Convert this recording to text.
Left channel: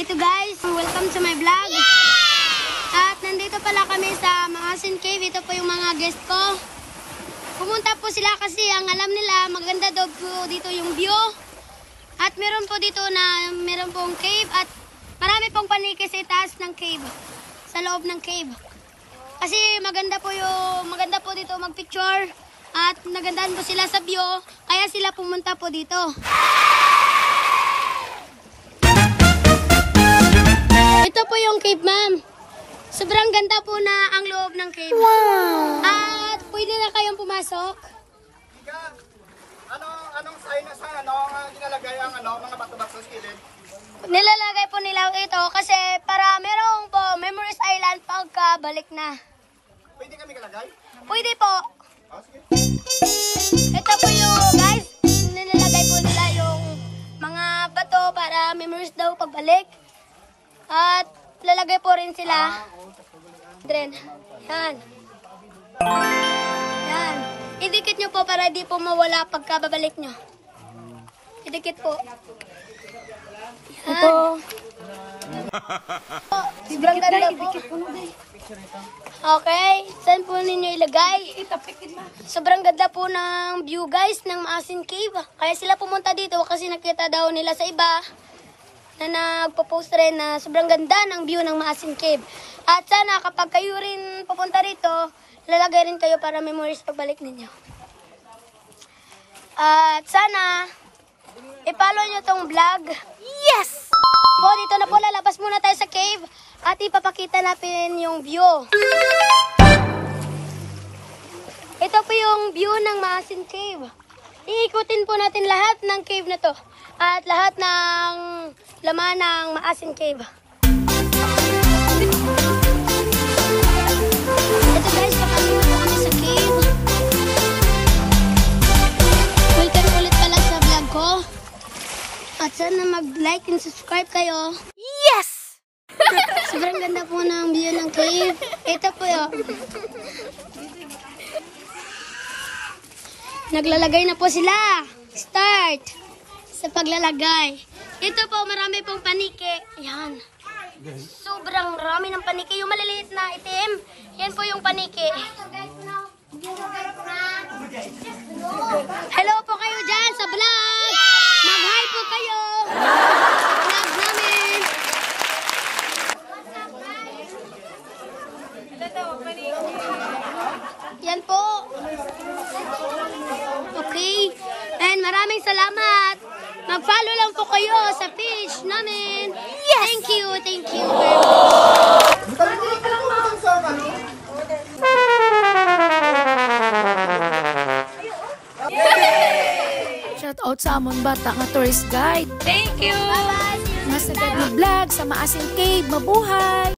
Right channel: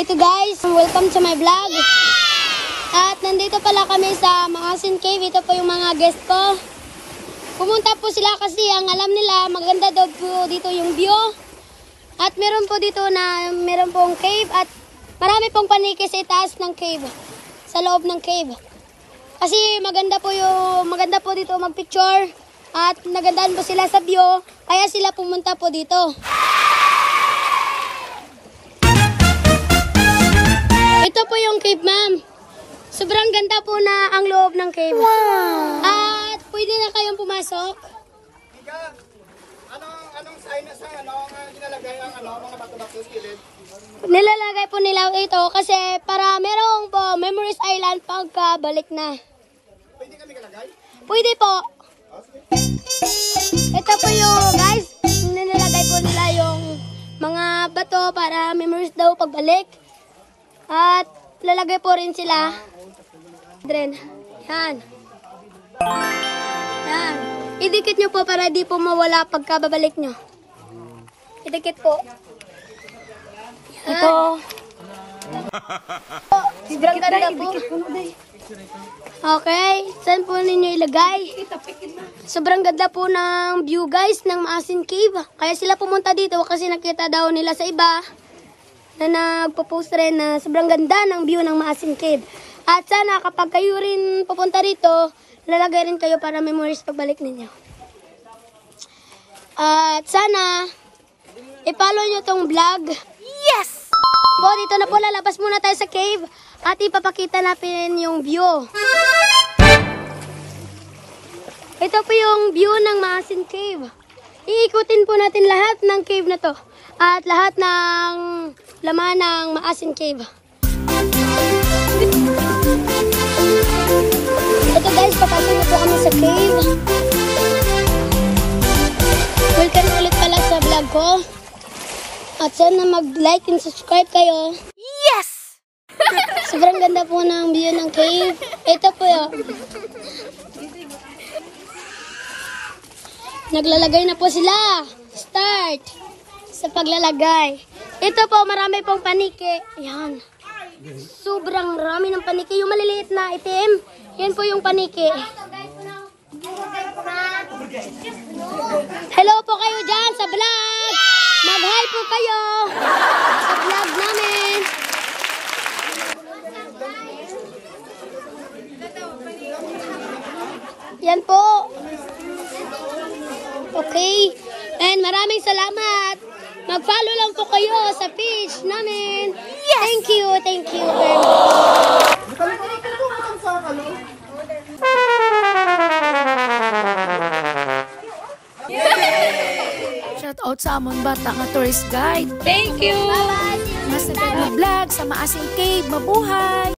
Ito guys, welcome to my vlog. At nandito pala kami sa Maasin Cave. Ito po yung mga guest ko. Pumunta po sila kasi ang alam nila maganda daw po dito yung view. At meron po dito na meron pong cave at marami pong paniki sa itaas ng cave. Sa loob ng cave. Kasi maganda po dito magpicture at nagandaan po sila sa view. Kaya sila pumunta po dito. Ito po yung cave, ma'am. Sobrang ganda po na ang loob ng cave. Wow! At pwede na kayong pumasok. Ika, anong sign na sa nilalagay ang mga bato-bato sa gilid? Nilalagay po nila ito kasi para merong po Memories Island pagkabalik na. Pwede kami kalagay? Pwede po. Oh, sige. Ito po yung guys, nilalagay po nila yung mga bato para memories daw pagbalik. At lalagay po rin sila. Yan. Yan. Idikit nyo po para di po mawala pagkababalik nyo. Idikit po. Yan. Okay. Saan po ninyo ilagay? Sobrang ganda po ng view guys ng Maasin Cave. Kaya sila pumunta dito kasi nakita daw nila sa iba na nagpo-post rin na sobrang ganda ng view ng Maasin Cave. At sana kapag kayo rin pupunta rito, lalagay rin kayo para memories pagbalik ninyo. At sana i-follow nyo tong vlog. Yes! So dito na po lalabas muna tayo sa cave at ipapakita natin yung view. Ito po yung view ng Maasin Cave. Iikutin po natin lahat ng cave na to. At lahat ng laman ng Maasin Cave. Ito guys, papasok na po kami sa cave. Welcome ulit pala sa vlog ko. At sana mag-like and subscribe kayo. Yes! Sobrang ganda po ng view ng cave. Ito po yun. Naglalagay na po sila. Start sa paglalagay. Ito po, marami pong paniki. Yan. Sobrang marami ng paniki. Yung maliliit na itim, yan po yung paniki. Hello po kayo dyan sa vlog. Mag-hi po kayo. Vlog namin. Yan po. Okay. And maraming salamat. Mag-follow lang po kayo sa page namin. Yes! Thank you very much. Shout out sa amon bata nga tourist guide. Thank you. Bye-bye. Mas nagad vlog sa Maasin Cave. Mabuhay!